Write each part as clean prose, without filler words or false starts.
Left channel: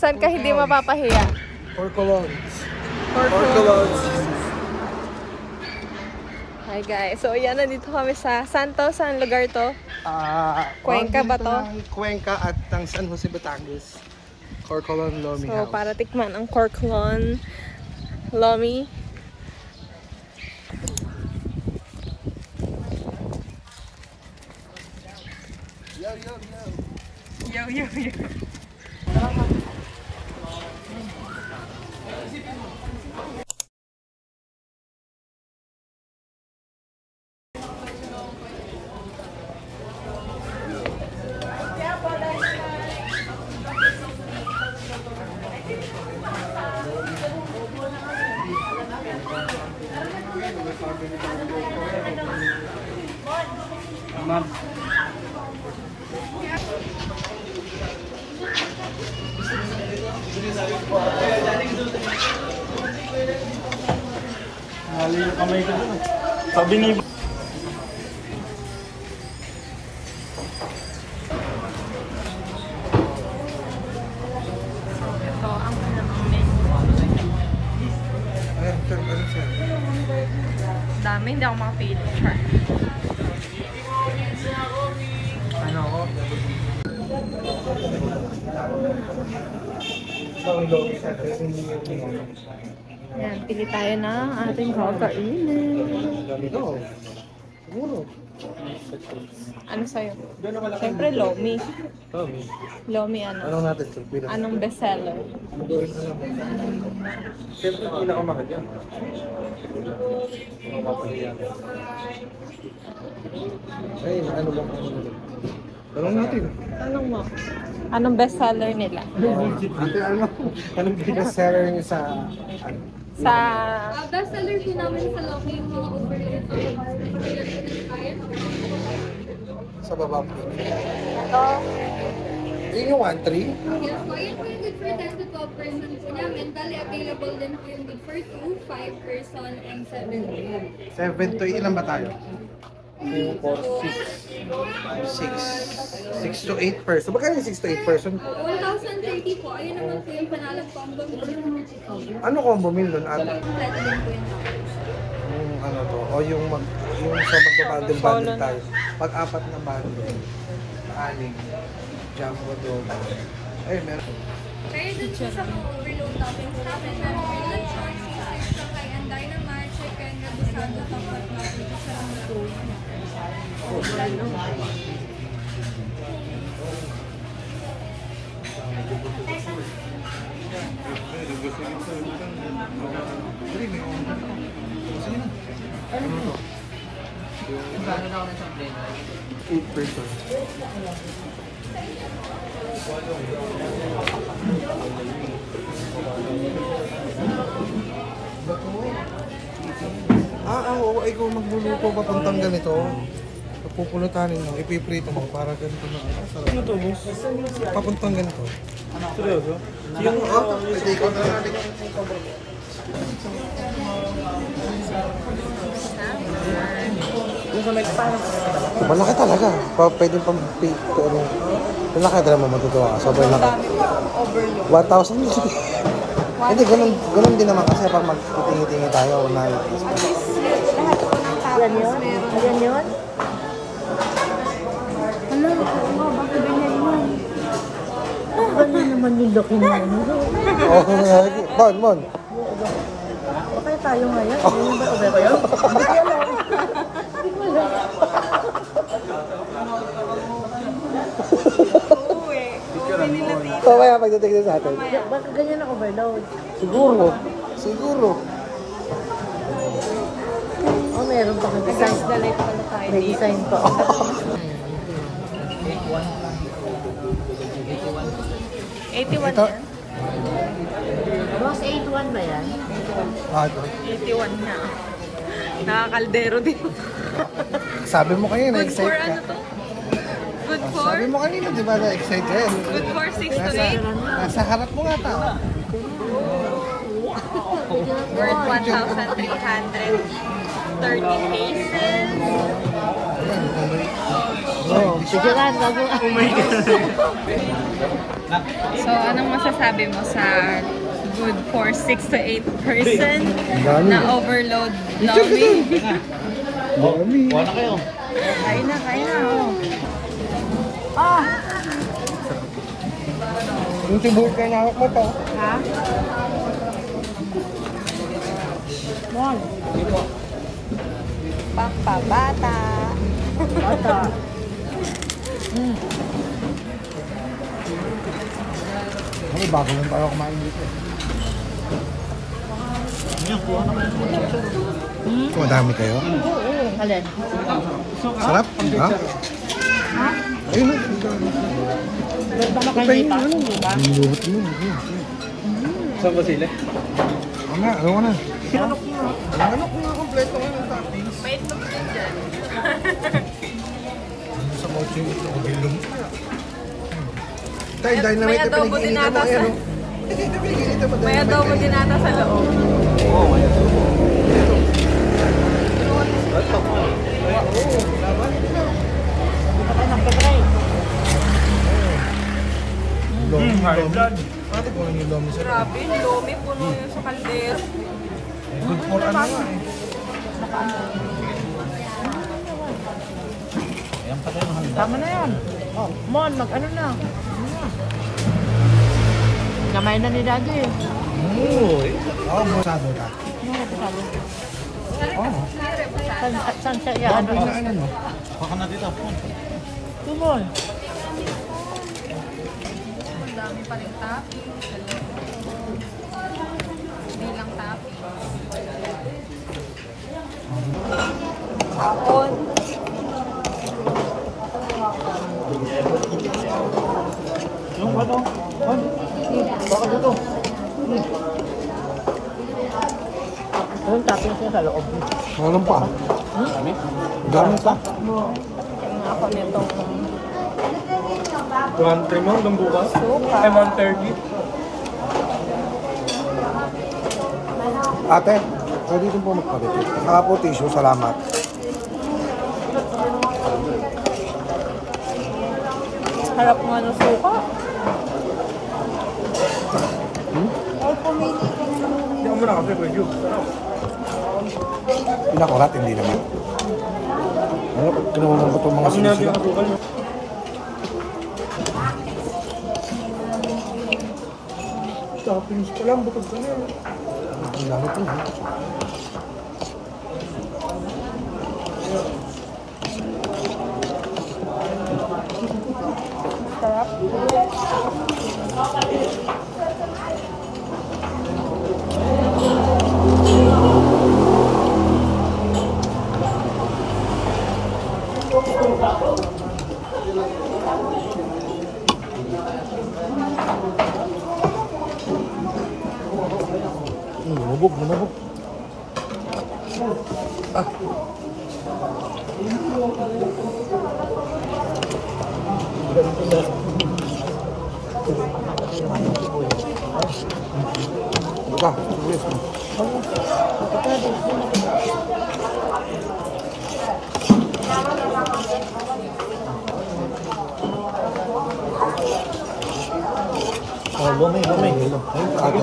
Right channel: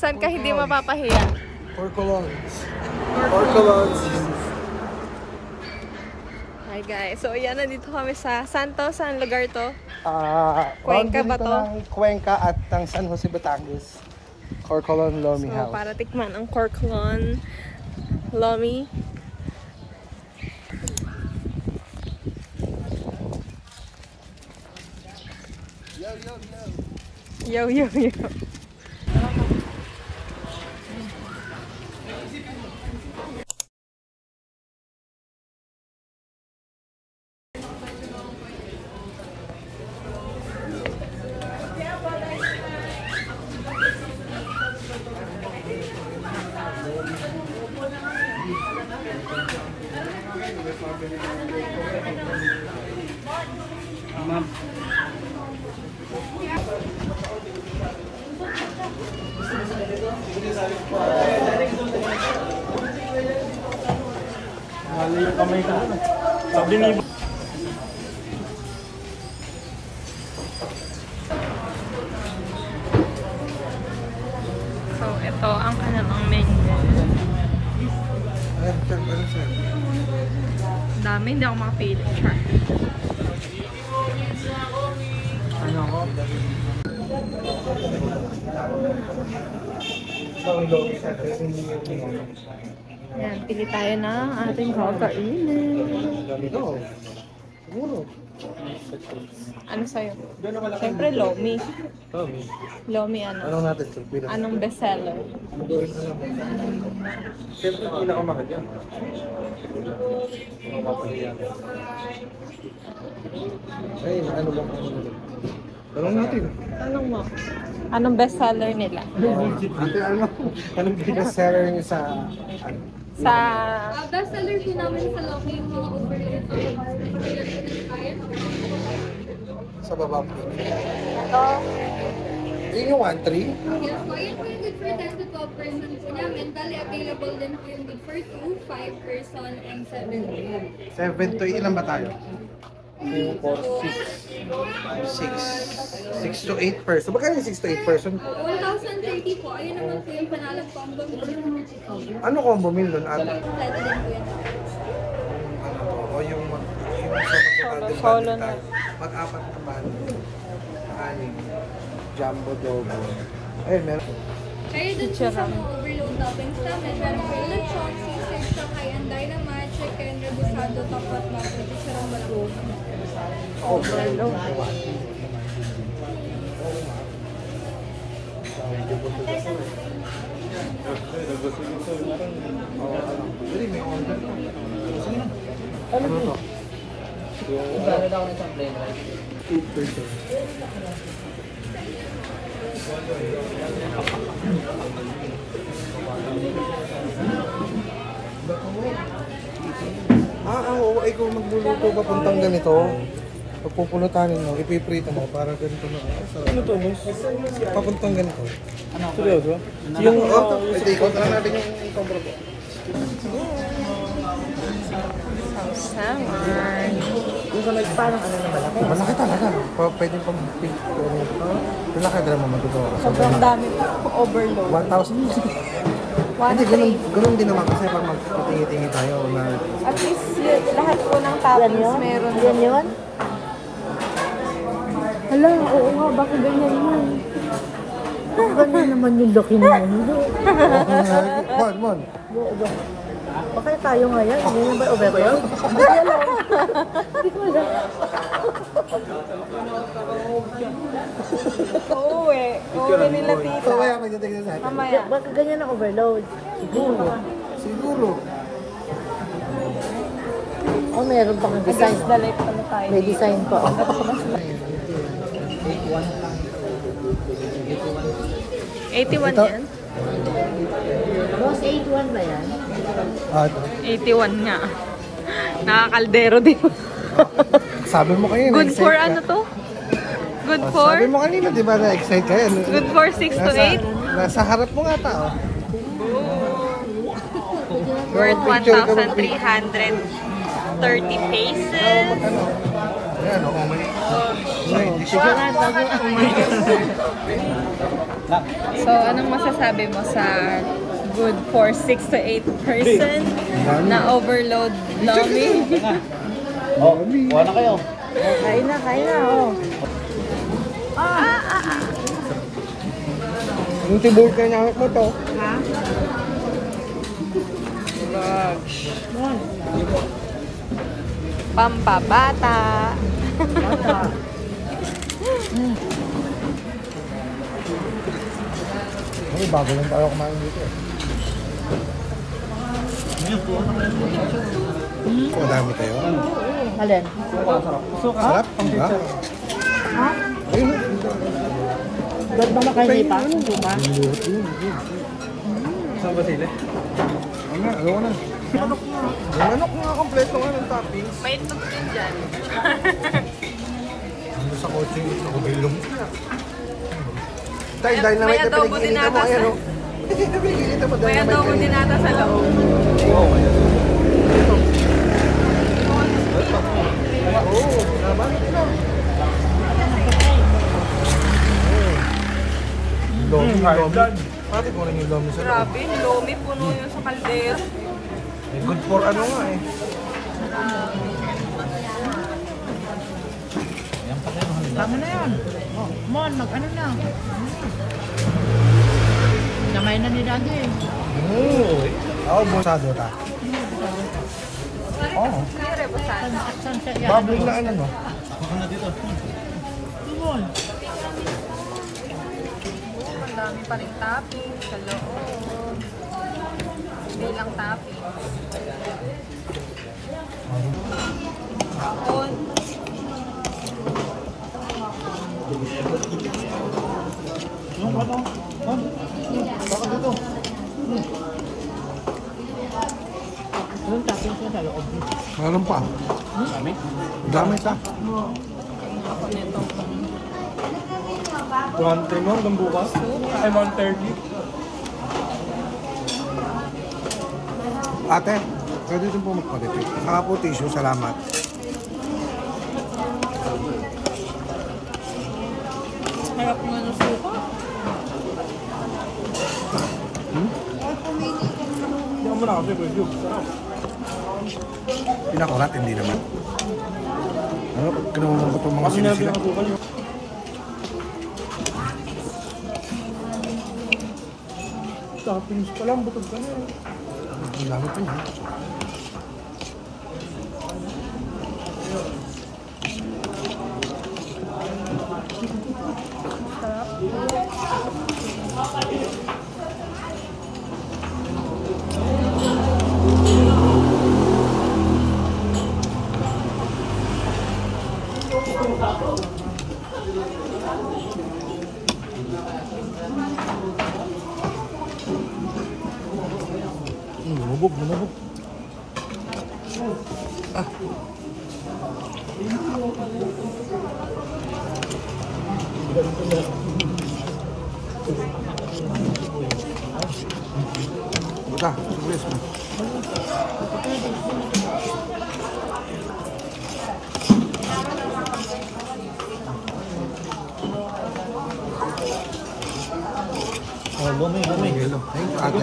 Saan ka hindi mapapahiya? Corcolons. Hi guys, so yan, nandito kami sa Santo. Saan lugar to? Cuenca ba to? Cuenca at ang San Jose, Batangas. Corcolon Lomi So, House. para tikman ang Corcolon Lomi. Yo. Ma'am. Nali yung kamay ko doon. Sabi ni So, ito ang kanilang menu. Dami, hindi ako makapili. ano ko? Yan, pili tayo na ating kakainin. Siguro. Ano sa'yo? Siyempre, Lomi. Lomi ano? Anong natin? Anong bestseller? Siyempre, pinakamahal yan. Ay, ano ba? Tanong natin. Tanong mo. Anong bestseller nila? Ate, ano? Anong bestseller niyo sa... Sa... Bestseller po namin sa Lomi yung mga overload Sa baba po. Ito. Yun yung 1-3? Yes po, yun po yung good for 10 to 12 persons po namin. Bali, available din po yung good for 2, 5 person, and 7 to 7 to 8. Ilan ba tayo? 2, 4, 6. 6 to 8 person. Bakit yung 6 to 8 person? 1,030 po. Ayun naman po yung panalang combo meal. Ano combo meal doon, ate? Kompleto din po yun. Yung ano to? O yung sa magpapandil-bandil tayo. Pag-apat na bandil. Aning. Jumbo dogo. Ay, meron. Kaya dun po sa mga overload toppings namin, meron po yung lechon, sisig, sakay, and dynamite, chicken, rebusado, tapat natin, sarang malong. Overload. Ano to? 8 person. Oo, ikaw magluluto papuntang ganito. Pagpupulutanin mo, ipiprito mo para ganito na. Ano to, boss? Papuntang ganito. Seryoso? Yung, ito ikaw na natin yung ikaw. Malaki talaga. Pwede pang ano. Malaki talaga mo matutuwa. Sobrang dami. Overload. 1,000. Hindi, ganun din naman kasi pag magtitingi-tingi tayo na... At least lahat po ng toppings meron din yun. Hala, oo nga, bakit ganyan yun? Ganyan naman yung laki na yun. Mon. Okay tayo ngayon. Ano ba yan? Oo eh. Oo nila tita. Mamaya pagdating sa atin. Mamaya. Bakit ganyan ang overload? Siguro. Oh, meron pang design. Against the light pala tayo May dito. design pa. $81 Ito. yan? Boss, 81 ba yan? 81 nga. Nakakaldero din. Sabi mo kayo. Good for ano to? Good for? Sabi mo kanina, di ba na-excite ka yan? Good for 6 to 8? Sa harap mo nga ta. Worth 1,330 pesos. Sigurado ako. Oh my God. So, anong masasabi mo sa good for 6 to 8 person na overload loading? Dami. Kain na. Yung tibur ka na ako to. Ha? Mon. Pampabata. Ay, bago lang tayo kumain dito. Ang dami kayo. Alin? Sarap? Ang picture. Ayun. Ba't ba makahindi pa? Saan ba sila? Gawa na. Manok na. Manok na kompleto yung toppings. May itlog din dyan. Sa kotse, gubilong. Dahil May adobo din ata sa... May adobo din ata sa loob. Oo, may adobo. Lomi, lomi. Ate ko namin lomi sa Grabe, lomi puno yun sa kaldero. good for ano yun. Tama na yan. Mon, mag-ano na. Kamay na ni Daddy. Oh, masado ta. Oo. Saan siya yan? Baboy na ano mo? Baka na dito. Tumol. Ang dami pa rin topping sa loob. Hindi lang topping. Kapon. Yung ba ito? Baka dito. Anong topping siya sa loob? Meron pa. Dami ka. Ako nito. 1 mo hanggang bukas? Ay, 1:30. Ate, pwede din po magpagati. Saka po tissue, salamat. Harap nga ng suka. Hindi ako muna kasi pwede yun. Pinakurat, hindi naman. Ano, kinuha ko itong mga sinisila. Toppings ko lang, butog ka na yun. Ang dami ito. Sarap. Lumubog. Ah. Ika, tulis mo. Oh, lumi. Ayun, ate.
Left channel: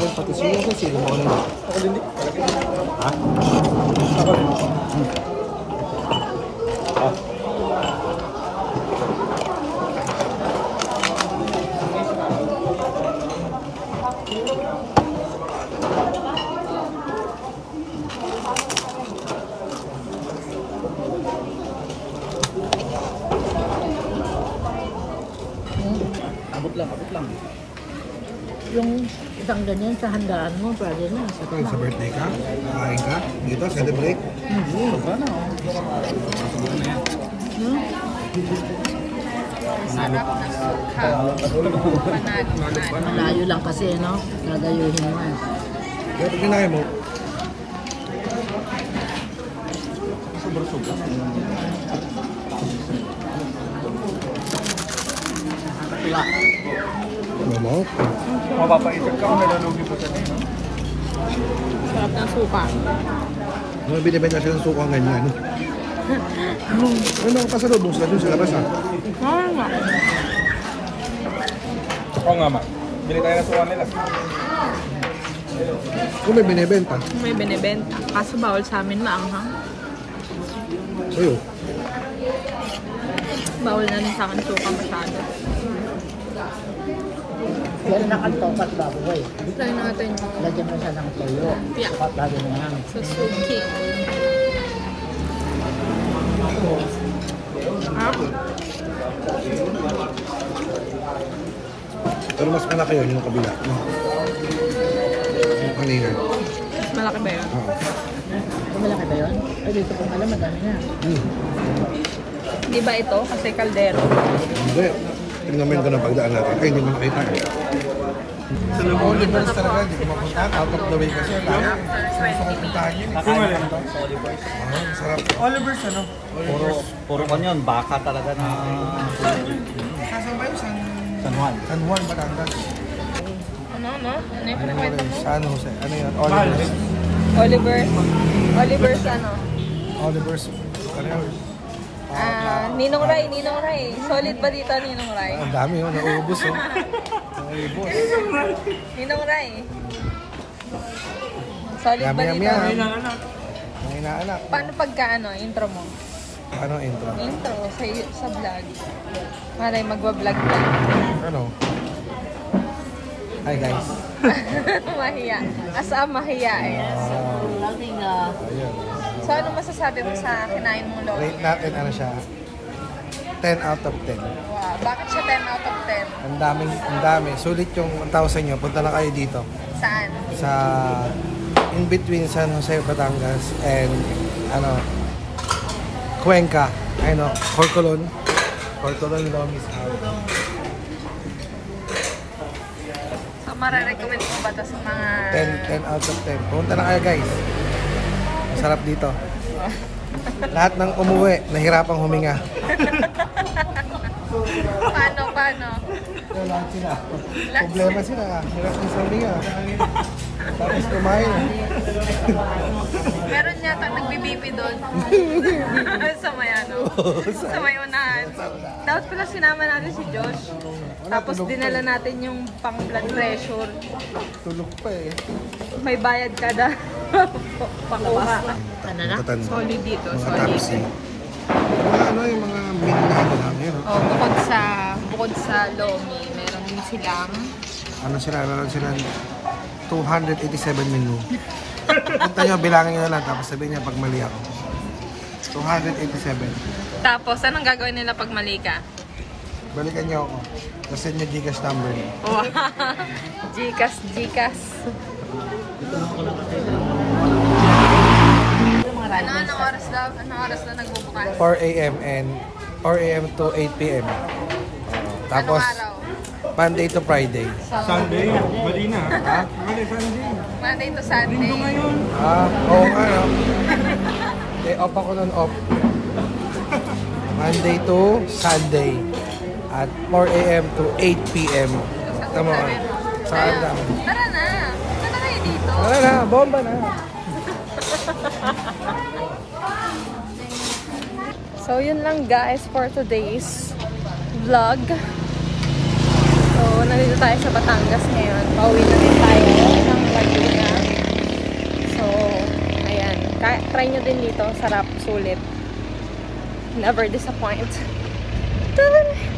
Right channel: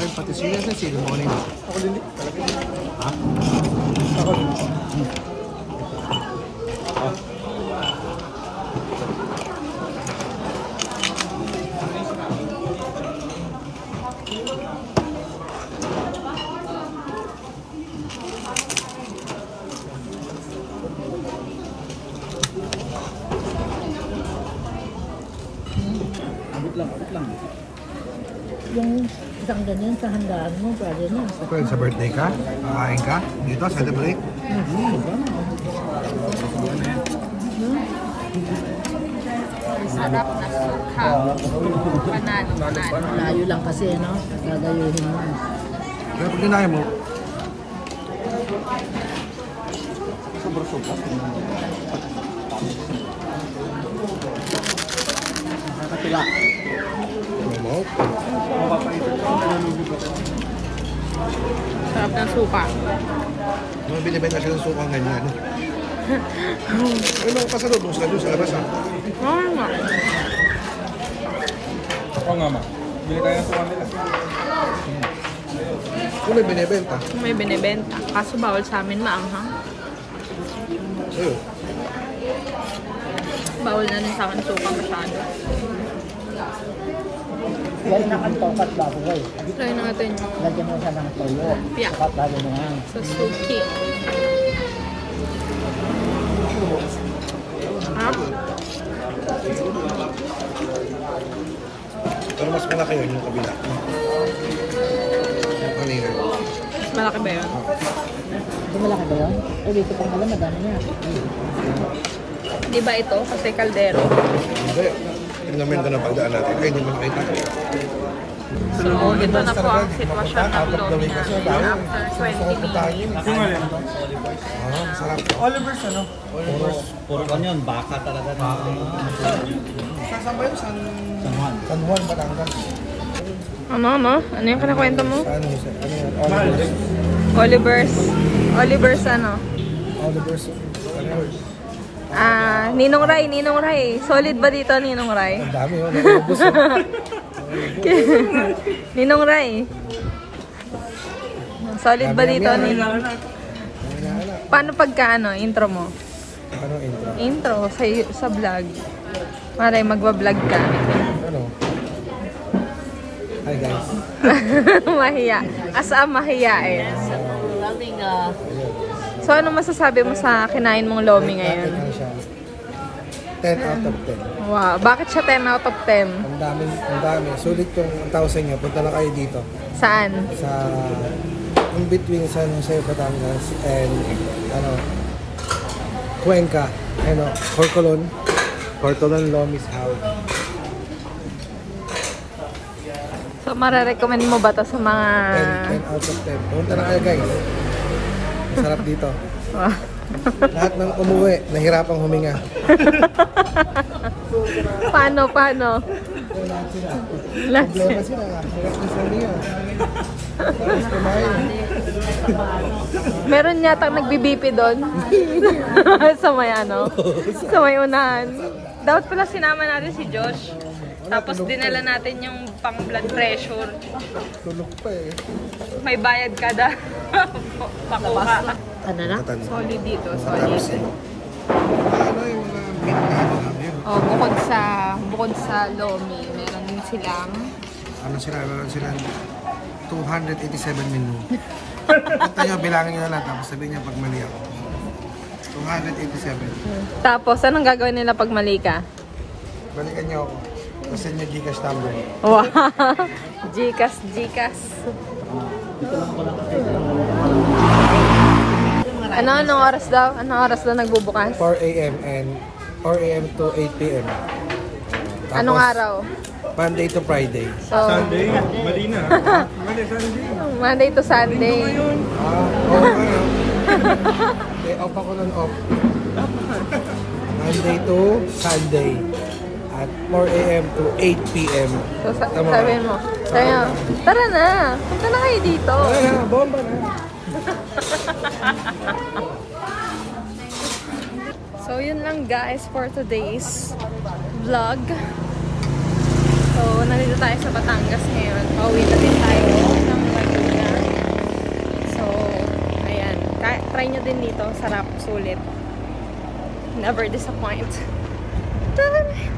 Kain pati siya sa sino mo nito. Ako din. Ha? Ako din. Abot lang. Yung isang ganyan sa handaan mo, pwede na. Kung sa birthday ka, kakain ka, dito, celebrate. Sarap na suka. Panalo. Malayo lang kasi, no? Gagayuhin mo. Pag kinain mo. Sarap ng suka. May binibenta siya ng suka ganyan. Ano kasi lubos ka doon sa labas ha? Oo nga. Oo nga ma. Bili tayo ng suka nila. Kung may binibenta. May binibenta. Kaso bawal sa amin maanghang. Oo. Bawal na rin sa akin suka masyado. Pwede na kang topat bago mo. Try natin yung Lagyan mo siya ng tuyo. piyak Lalo mo nga. sa suki. Ah? Pero mas malaki yun yung kabila. Ano yun? Mas malaki ba yun? Malaki ba yun? Tuloy ko pang alam, madami na. Di ba ito? Kasi kaldero. Hindi. Tingnan mo yung ganun pagdaan natin. Ay, ganun yung 80. So, ito na po ang sitwasyon ng Lomi. After 20 minutes. Oliver's ano? Puro kanyon, baka talaga na. Saan ba yun? San Juan. San Juan, Batangas. Ano? Ano yung kinakwento mo? San Jose. Ano yun? Oliver's. Oliver's ano? Oliver's. Ano yun? Ninong Ray. Solid ba dito, Ninong Ray? Ang dami yun. Naubos yun. Naubos. Ninong Ray. Solid ba Yami-yami dito? yan. Ang inaanak. Paano pagka intro mo? Ano intro? Intro sa vlog. Para magbablog ka. Ano? Hi guys. Mahiya. Mahiya. Laging Ayun. So, ano masasabi mo sa kinain mong Lomi Rate natin ngayon? ano siya. 10 out of 10. Wow. Bakit siya 10 out of 10? Ang dami. Sulit yung 1,000 nyo. Punta na kayo dito. Saan? Sa in between San Jose, Batangas and Cuenca. Corcolon. Corcolon Lomis. So, mararecommend mo ba ito sa mga... 10 out of 10. Punta na kayo guys. Masarap dito. Lahat ng umuwi, nahirapang huminga. Paano? Lahat sila. Problema sila. Hirap ng huminga. Tapos kumain. Meron yata nagbibipi doon. Sa may sa may unahan. Dapat pala sinama natin si Josh. Tapos dinala natin yung pang blood pressure. Tulog pa eh. May bayad kada pakuha. ano na? Solid dito, solid. Ano yung mga meat na yan? Oh, bukod sa Lomi, meron din silang Meron silang 287 menu. Punta nyo, bilangin nyo na lang, tapos sabihin niya pag mali ako. 287. Tapos, anong gagawin nila pag mali ka? Balikan nyo ako. Tapos send nyo Gcash number. Wow! Gcash. Anong oras daw? Anong oras daw nagbubukas? 4 a.m. and 4 a.m. to 8 p.m. Tapos, Anong araw? Monday to Friday. So, Sunday, Marina. Sunday. Monday to Sunday. Oo nga no. Off ako nun off. Monday to Sunday. At 4 a.m. to 8 p.m. So, Tama sabi ka? mo. Saan Tara na. Tara kayo dito. Wala na, bomba na. So, yun lang guys for today's vlog. So, nandito tayo sa Batangas ngayon. Pauwi na din tayo ng Laguna. So, ayan. Try nyo din dito. Sarap, sulit. Never disappoint.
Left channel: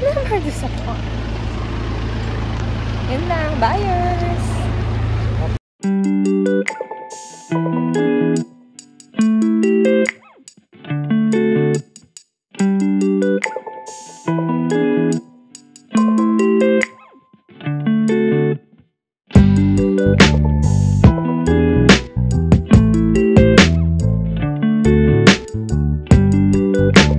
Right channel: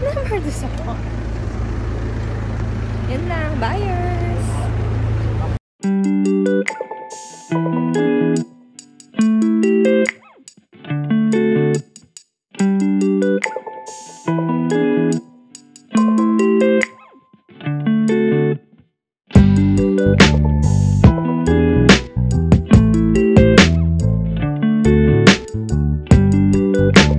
Never disappoint. Yun lang. Bye!